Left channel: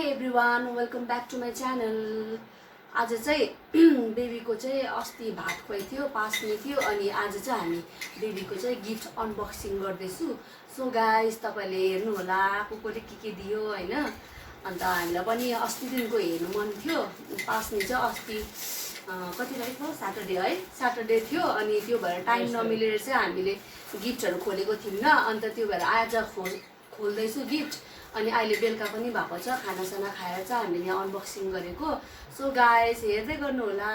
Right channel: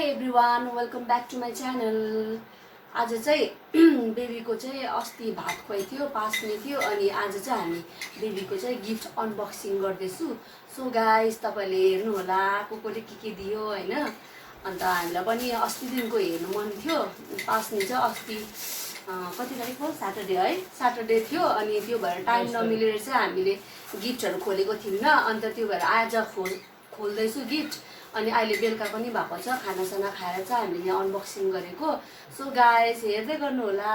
High everyone, welcome back to my channel. आज चाहिँ बेबीको चाहिँ अस्ति भात खुवाइ थियो, पास्ने थियो, अनि आज चाहिँ हामी बेबीको चाहिँ गिफ्ट अनबक्सिङ गर्दैछु। सो गाइस, तपाईँले हेर्नु होला कोले के दियो हैन। अन्त हामीलाई पनि अस्तिदेखिको हेर्नु मन थियो। पास्ने चाहिँ अस्ति कति तारिक हो, स्याटरडे है, स्याटरडे थियो। अनि त्यो भएर टाइम नमिलेर चाहिँ हामीले गिफ्टहरू खोलेको थियौँ। अन्त त्यो भएर आज खोल्दैछु गिफ्ट। अनि अहिले बेलुका पनि भएको छ, खानासाना खाएर चाहिँ हामीले यहाँ अनबक्सिङ गरेको। सो गाइस, हेर्दै गर्नु होला।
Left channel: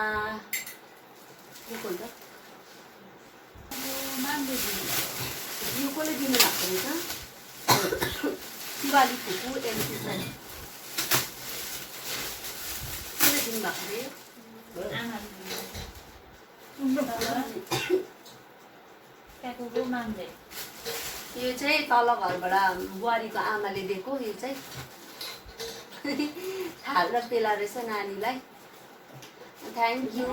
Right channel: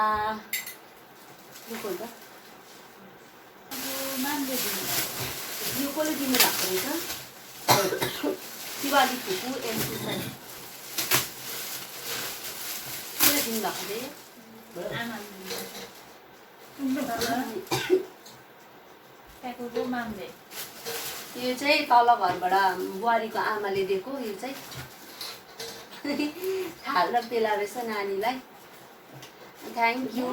यो खोल्छ, यो कसले दिनु भएको रहेछ? दिवाली फुपू एमसी साई कसले दिनु भएको रे? यो चाहिँ तल घरबाट बुहारीको आमाले दिएको। यो चाहिँ थाल र पेला रहेछ नानीलाई। Thank you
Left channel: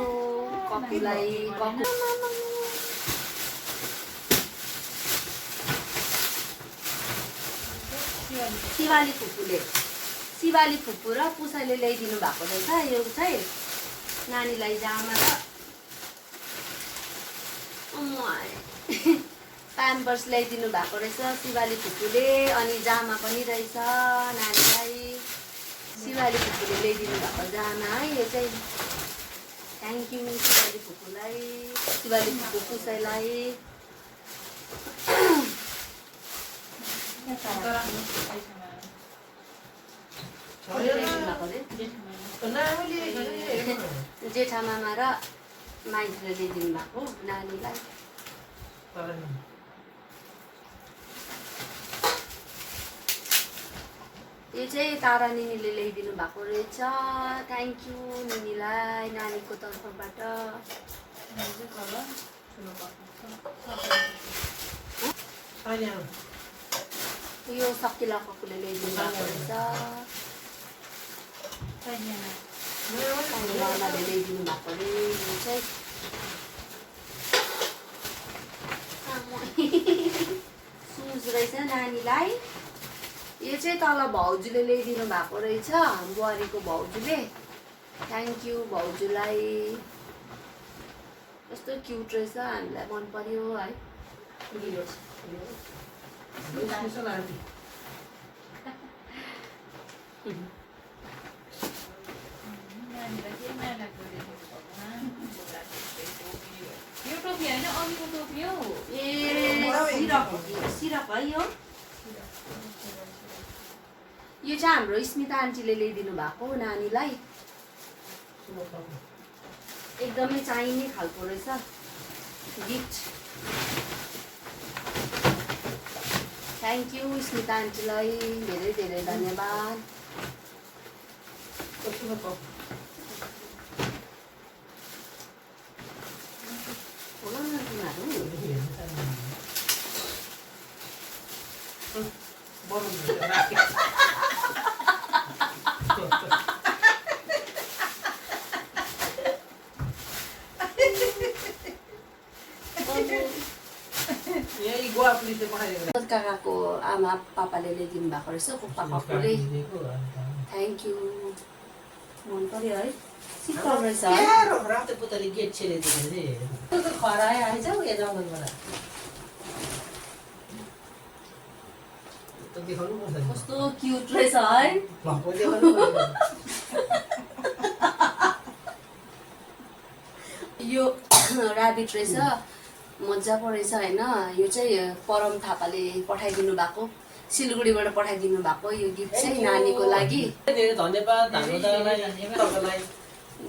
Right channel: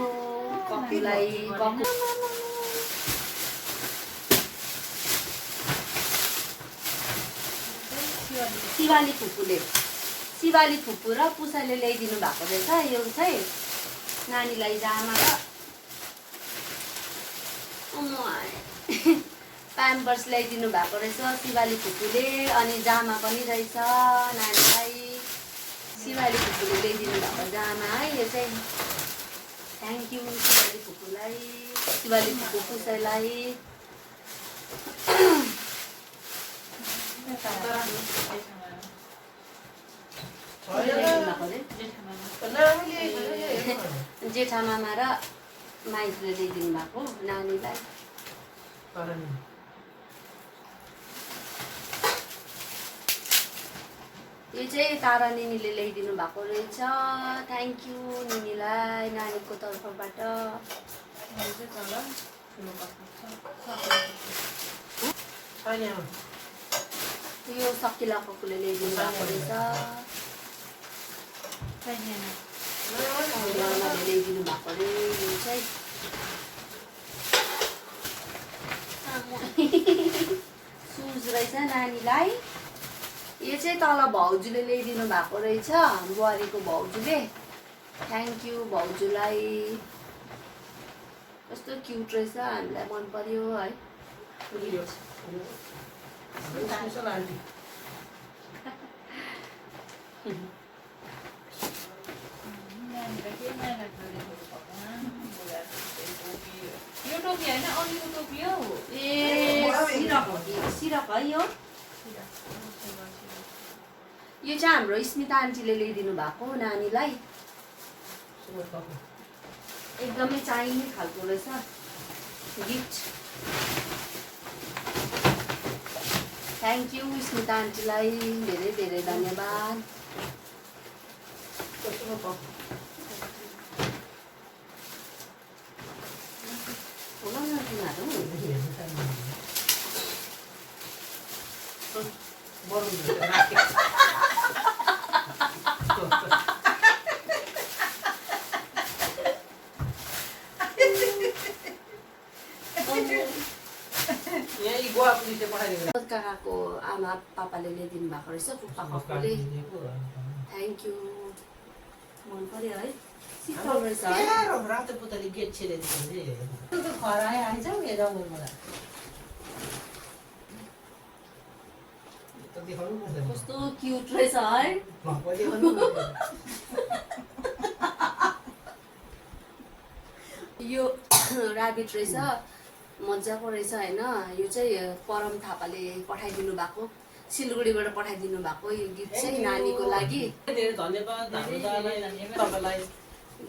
ककुलाई। शिवाली फुपू र पुसाले ल्याइदिनु भएको रहेछ। यो चाहिँ नानीलाई जामा र प्याम्पर्स ल्याइदिनु भएको रहेछ शिवाली फुपूले। अनि जामा पनि रहेछ नानीलाई। शिवाली फुपूले ल्याइदिनु भएको जामा है यो चाहिँ। थ्याङ्क यू शिवाली फुपूलाई, शिवाली फुपू पुसाइलाई। जेठामामा र माइजले ल्याइदिनु भएको नानीलाई। यो चाहिँ तारा निनीले ल्याइदिनु भएको रहेछ। थ्याङ्क यू निनीलाई नानीको तर्फबाट। यो सकिला ककुले ल्याइदिनु भएको रहेछ। ल्याइदिनु भएको अरे यो चाहिँ। सुज रहेछ नानीलाई। यो चाहिँ तल भाउजूले ल्याइदिनु भएको रहेछ, बुहारीको भाउजूले। थ्याङ्क यू भाउजूलाई। कस्तो क्युट रहेछ, हामीलाई मन पर्यो है। सिरप है यो। यो चाहिँ हाम्रो स्मिता आन्टीले ल्याइदिनु भएको नानीलाई। एकदमै चाहिने खालको रहेछ गिफ्ट। थ्याङ्क यू स्मिता आन्टीलाई, धेरै धेरै धन्यवाद। काकाको आमा पापाले ल्याइदिनु भएको रहेछ, पुप्पा ककुले। थ्याङ्क यू, मन पर्यो है। शीतल रहेछ कस्तो क्युट रहेछ है। यो ऱ्याबिट रहेछ, मजाको रहेछ होइन। यो चाहिँ परम थापाले पठाइदिनु भएको, सिलगढीबाट पठाइदिनु भएको यो गिफ्ट चाहिँ नानीको लागि। धेरै धन्यवाद।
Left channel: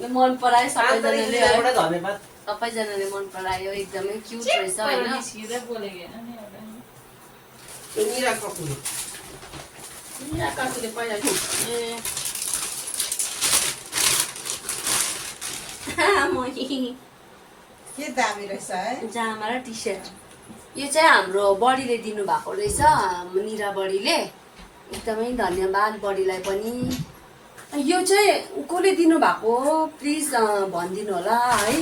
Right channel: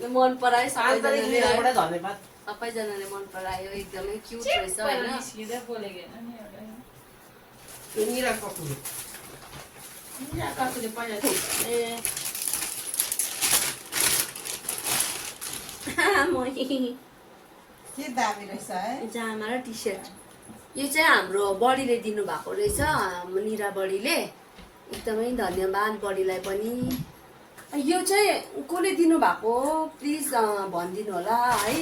मन परायो सबैजनाले है, सबैजनाले मन परायो। एकदमै क्युट रहेछ होइन। पहिला के दामी रहेछ है, जामा र टी सर्ट। यो चाहिँ हाम्रो बडीले दिनु भएको रहेछ, निरा बडीले। एकदमै धन्यवाद बडीलाई पनि। यो चाहिँ कसले दिनु भएको प्लिज भनिदिनु होला है।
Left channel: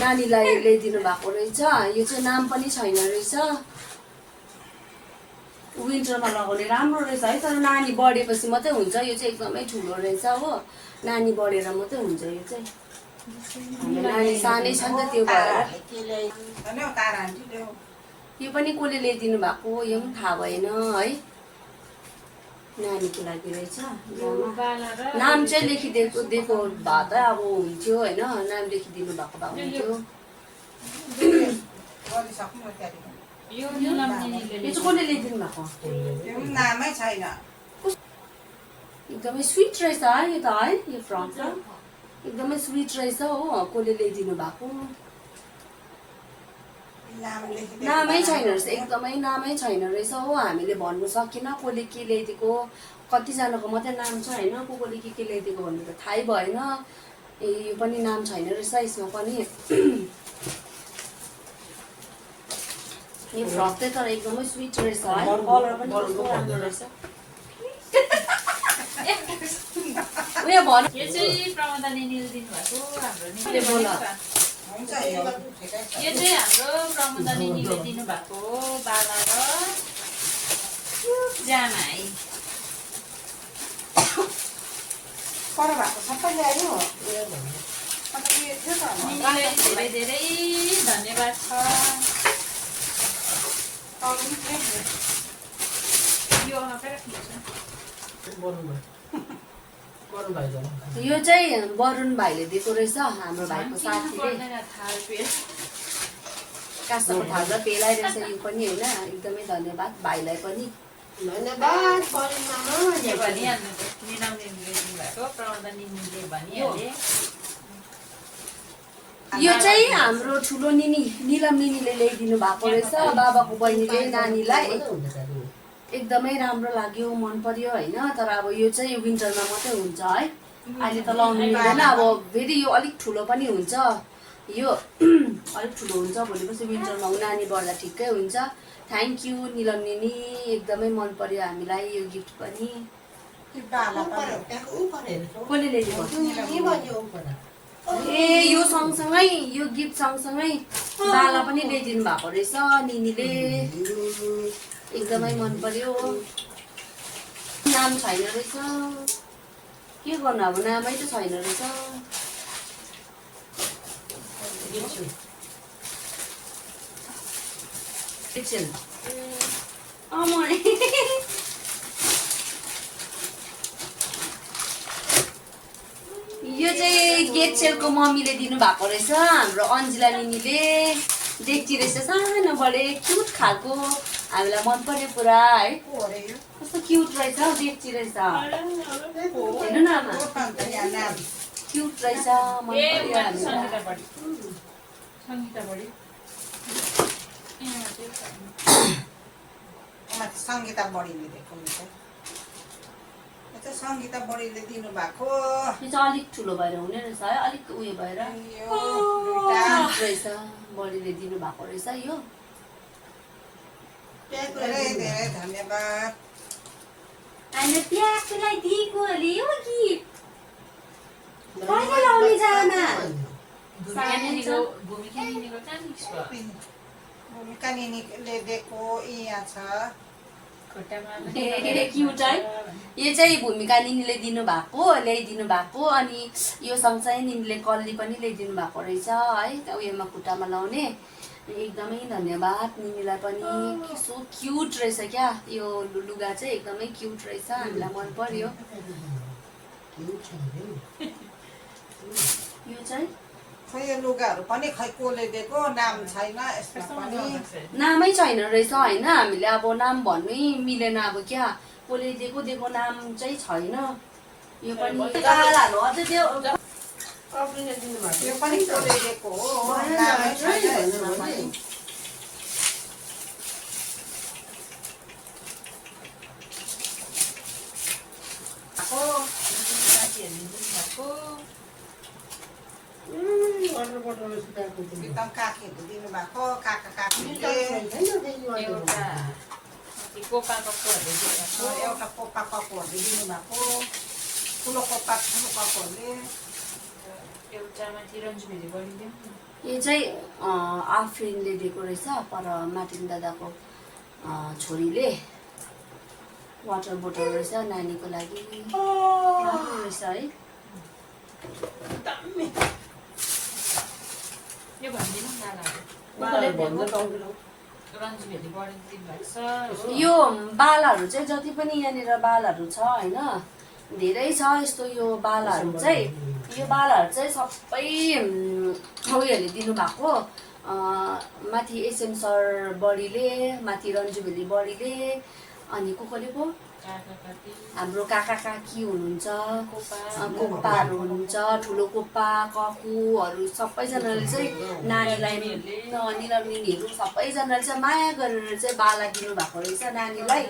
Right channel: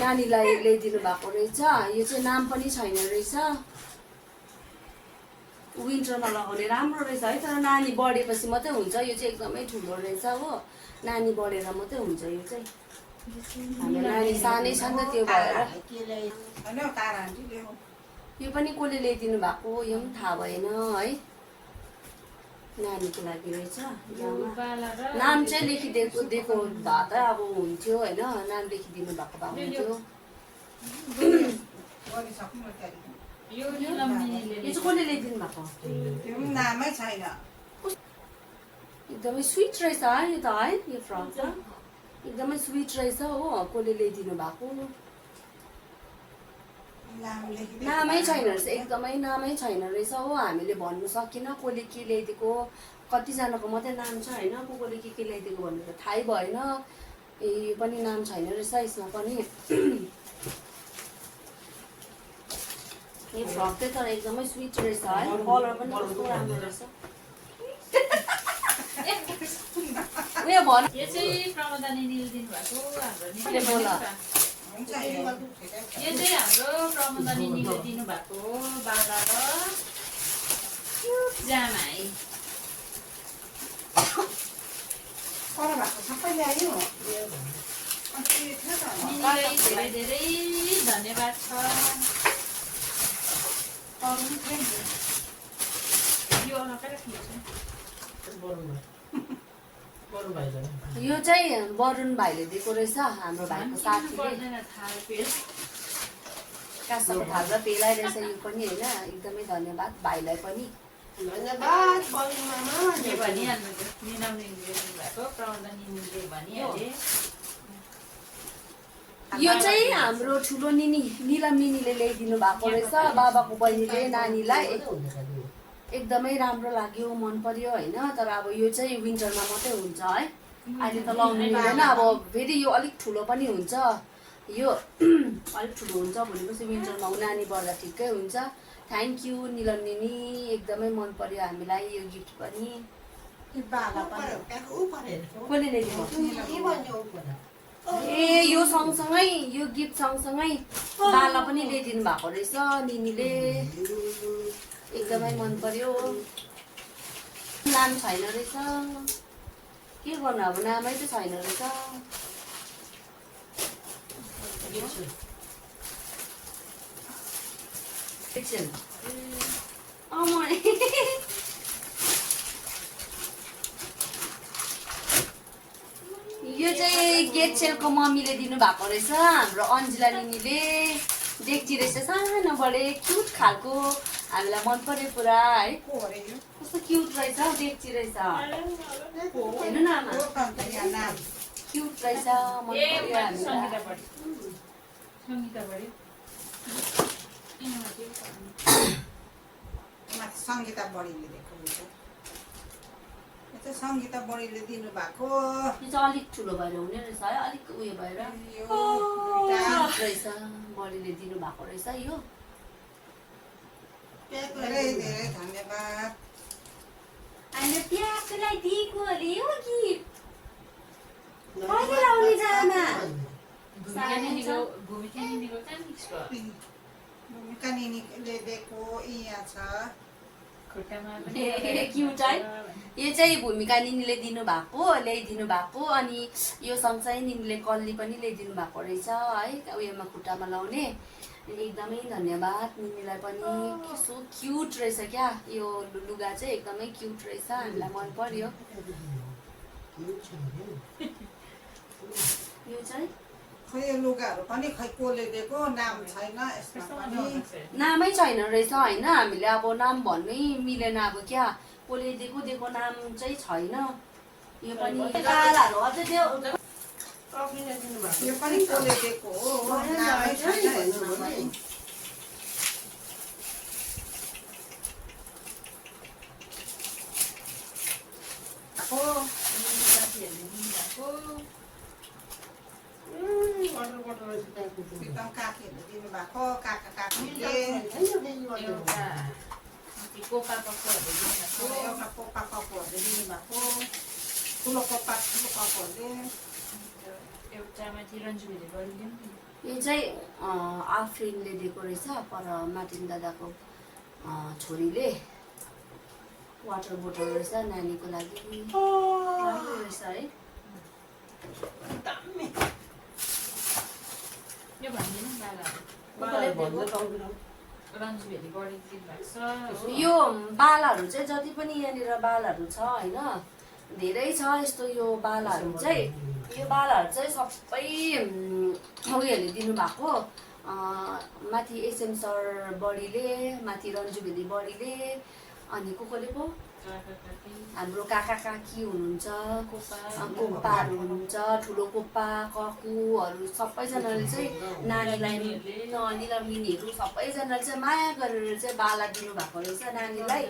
नानीलाई ल्याइदिनु भएको रहेछ। यो चाहिँ नाम पनि छैन रहेछ। विन्टरमा लगाउने राम्रो रहेछ है। तर नानी बढेपछि मात्रै हुन्छ, यो चाहिँ एकदमै ठुलो रहेछ हो। नानी बढेर मात्रै हुन्छ यो चाहिँ। हाम्रो नानी सानै छ नि त, त्यो भएर। तारा आन्टी ल्याऊ। यो पनि कसले ल्याइदिनु भएको यो पनि थाहा भएन है। नानीको लागि रहेछ जामा। नाम चाहिँ लेखिदिएको दिएको भए त अब हुन्थ्यो होइन, नाम लेखिदिनु भएको भए हुन्थ्यो। गरिसक्नु न त्यहाँदेखि। यो चाहिँ कसले ल्याइदिनु भएको? त्यो पनि नामै छैन। एकदमै स्विट रहेछ है यो त है। यो फ्रक त एकदमै स्विट रहेछ हो। कसले ल्याइदिनु भएको नामै छैन रहेछ, एकदमै नामै छैन रहेछ हो। हामीले भन्नु सकिन कसले के ल्याइदिएको, कतिजनाको मात्रै नाम छ होइन, कसले के ल्याइदिएको भनेर थाहै भएन। ए यो पनि नाम छैन रहेछ यसमा पनि। यो फ्रक चाहिँ तर एकदमै स्विट रहेछ है। कलर पनि कस्तो राम्रो रहेछ। उयो भन, यो चाहिँ प्रमोदा निनीले दिनुभएको हाम्रो निनीले बोल। हुन्छ यो ठिकै छ। यो चाहिँ हाम्रो प्रमोदा निनीले दिनुभएको बाला र जामा है। पर भएको सबै ल्यायो। अन्त के थियो त? निनीलाई धेरै धेरै धन्यवाद छ। यो हटाएर खिच्छ। यो चाहिँ वरुण भाइले दिएको रहेछ, हाम्रो भाइको साथीले। काँसको थाल पेलाइरहेछ यो पनि होइन। एकदमै धन्यवाद भाइलाई पनि। धन्यवाद वरुण मामा। के भनिहाल्नु त, निनाउ निनीले दिनुभएको प्रमोदा निनीले भनिहाले। यो चाहिँ हाम्रो ठुलो निनी निलम निनीले ल्याइदिनु भएको रहेछ, बाबाको बहिनीले नानीलाई। एकदमै राम्रो लाग्यो, मन पर्यो होइन। तर अब यो चाहिँ विन्टरमा मात्रै हुन्छ है, अहिले त लाउनु मिल्दैन। अब फेरि यो अलिक ठुलो पनि हुन्छ, यो अलिक ठुलो हुन्छ भोलिपछि विन्टरमा नानी बढ्दा ठिकै हुन्छ। थ्याङ्क यू निलम निनी, एकदमै मन पर्यो हामीलाई यो गिफ्ट पनि। कसले ल्याइदिएको? ए यो सँगसँगै यो गिफ्ट सँगसँगै बाला पनि ल्याइदिनु भएको रहेछ निनीले। एकदमै मन पर्यो। नाम छैन रहेछ, के गर्नु अब, नामै त छैन रहेछ। एकछिन यो चाहिँ गेटसेलको मम्मीले दिनुभएको रहेछ, हाम्रो अन्जिला निनीले। डेक्ची रहेछ सानो बडे क्युट खालको, हामीलाई मन पर्यो पुरा है। कस्तो क्युट रहेछ, डेक्ची रहेछ हेर्नु न आमा, क्युट रहेछ, मन पर्यो हामीलाई। सङ्गीता बढीले दिएको हुन्छ। यो चाहिँ सङ्गीता बढीले दिनुभएको। यो चाहिँ अलिक ठुलो भएर हुने रहेछ है, अलिक उयो भएर यो दुईटा रहेछ, बडीले दिनुभएको रहेछ यो। धेरै धेरै धन्यवाद। हामीले प्याकलाई दिएको अरे यो गिफ्ट कहिले लाउने जामा? भूमिका निनीको कहाँ फिक्स भयो? भूमिका निनीले दिएको यहाँ छ। खुट्टामा क्युट है। यो चाहिँ भूमिका निनीले दिनुभएको, ल्याइदिनु भएको। अनि यो सँगसँगै निनीले कल्ली पनि ल्याइदिनु भएको रहेछ है, उयोमा खुट्टामा लाउने। एकदमै धन्यवाद निनीलाई पनि। कस्तो क्युट रहेछ क्या यो लुगा चाहिँ, एकदमै क्युट रहेछ, हामीलाई मन पर्यो। यो चाहिँ खै यो लुगाहरू पनि खै कसले दिएको, नाम छैन यसमा पनि। नामै छैन रहेछ होइन, हामीले अब नाम भन्नै मिलेन अब क्या, कसले दिएको दिएको नाम चाहिँ छैन। यो पनि कालाहरू अझै त्यो यो पनि कसले दिएको हो, नामै छैन यसमा पनि। साथीहरूले दिनुभएको एकदम काकीहरूले दिनुभएको, काका काकीले। एउटा कोपा कपहरूले दिनुभएको, एउटा पोपा कपहरूले दिनुभएको, ठुलो पोपा ठुलो कपहरूले। एउटा माथि रन्जु भेरी बढीले यो चाहिँ आफ्रिनले दिएको रहेछ, पर मार्टिन दादाको छोरीले वाटर बोतल रहेछ नानीको लागि राम्रो रहेछ है दामी यो भनिदिनु नि रन्जु भेली बढिदिनु भएको छ हो। यो बालाहरू चाहिँ जति पनि यहाँनिर बालाहरू छ होइन धेरै छ यस्तो यो बालाहरू चाहिँ सबै उयोहरूले दिनुभएको माथि एसएम सर बडीले माथि रन्जु भेली बडीले अनि कोले पो काका काकी हाम्रो काका काकी हुनुहुन्छ कोपा कोप्पाहरू हुनुहुन्छ ठुलो कोप्पा ककुहरू सबैजनाले चाहिँ नानीलाई निलर्मिनीहरू सबैजनाले चाहिँ माया गरेर चाहिँ बाला दिनुभएको रहेछ नानीलाई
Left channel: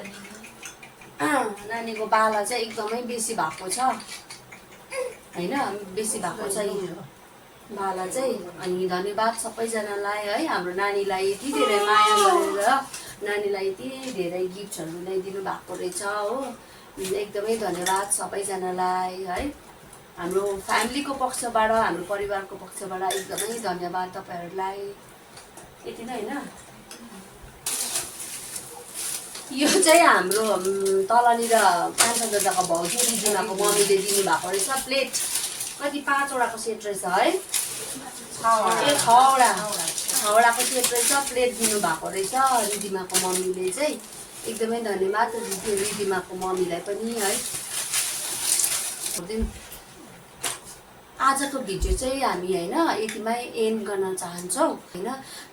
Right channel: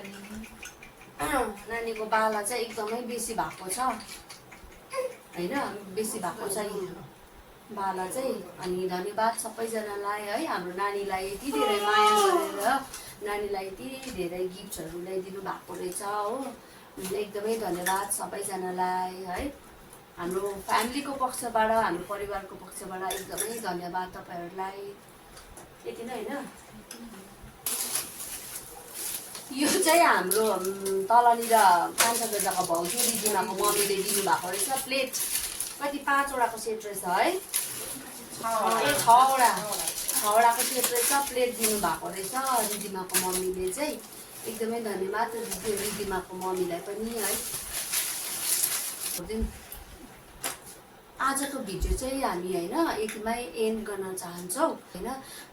नानीको बाला चाहिँ एकदमै बेसी भएको छ होइन बेसी भएको छ बाला चाहिँ अनि धन्यवाद सबैजनालाई है हाम्रो नानीलाई यति धेरै माया गरेर नानीलाई यति धेरै गिफ्टहरू ल्याइदिनु भएको रहेछ हो एकदमै धन्यवाद सबैजनालाई है हाम्रो फ्यामिलीको पक्षबाट हाम्रो परिवारको पक्षबाट एकदमै धन्यवाद तपाईँहरूलाई यति नै होइन यो चाहिँ हाम्रो तलनिर कान्छा दादाको भाउजू दिदीमाको मम्मीले दिनुभएको रहेछ प्लेट कति 5 वटाको सेट रहेछ है 6वटाको सेट रहेछ प्लेट दिनुभएको रहेछ रिदिमाको मम्मीले चाहिँ एकदमै धन्यवाद रिदिमाको मम्मीलाई पनि है आजको भिडियो चाहिँ हामी होइन यतिमै एन्ड गर्न चाहन्छौँ होइन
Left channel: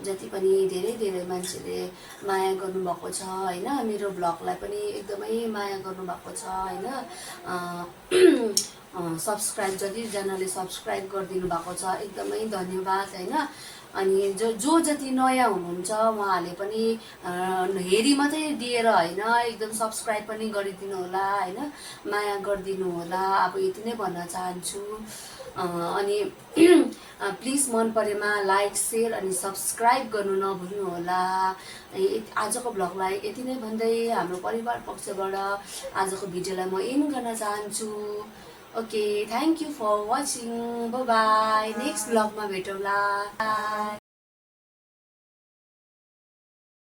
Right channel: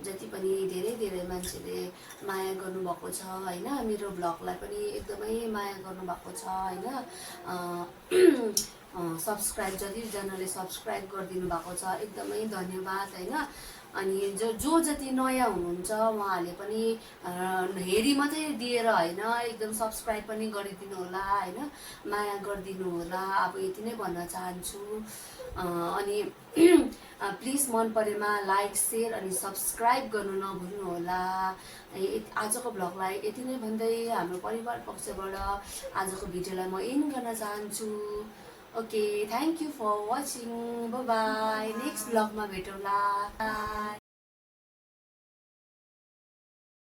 जति पनि धेरै धेरै मान्छेले माया गर्नुभएको छ होइन मेरो ब्लगलाई पनि एकदमै माया गर्नुभएको छ होइन सब्सक्राइब जतिजनाले सब्सक्राइब गरिदिनु भएको छ एकदमै धन्यवाद होइन अनि जो जति नयाँ हुनुहुन्छ उहाँहरूले पनि हेरी मात्रै दिएर होइन एकदम सब्सक्राइब पनि गरिदिनु होला होइन माया गरिदिनु होला अब यति नै भन्न चाहन्छु अनि प्लिज मन परेमा लाइक सेयर अनि सब्सक्राइब गर्नु नभुल्नु होला आजको ब्लगलाई यति नै भन्दै हाम्रो परिवार पक्षबाट आजको भिडियोलाई म एन्ड गर्न चाहन्छु okay thank you for watching bye next ब्लगमा भेटौँला बाई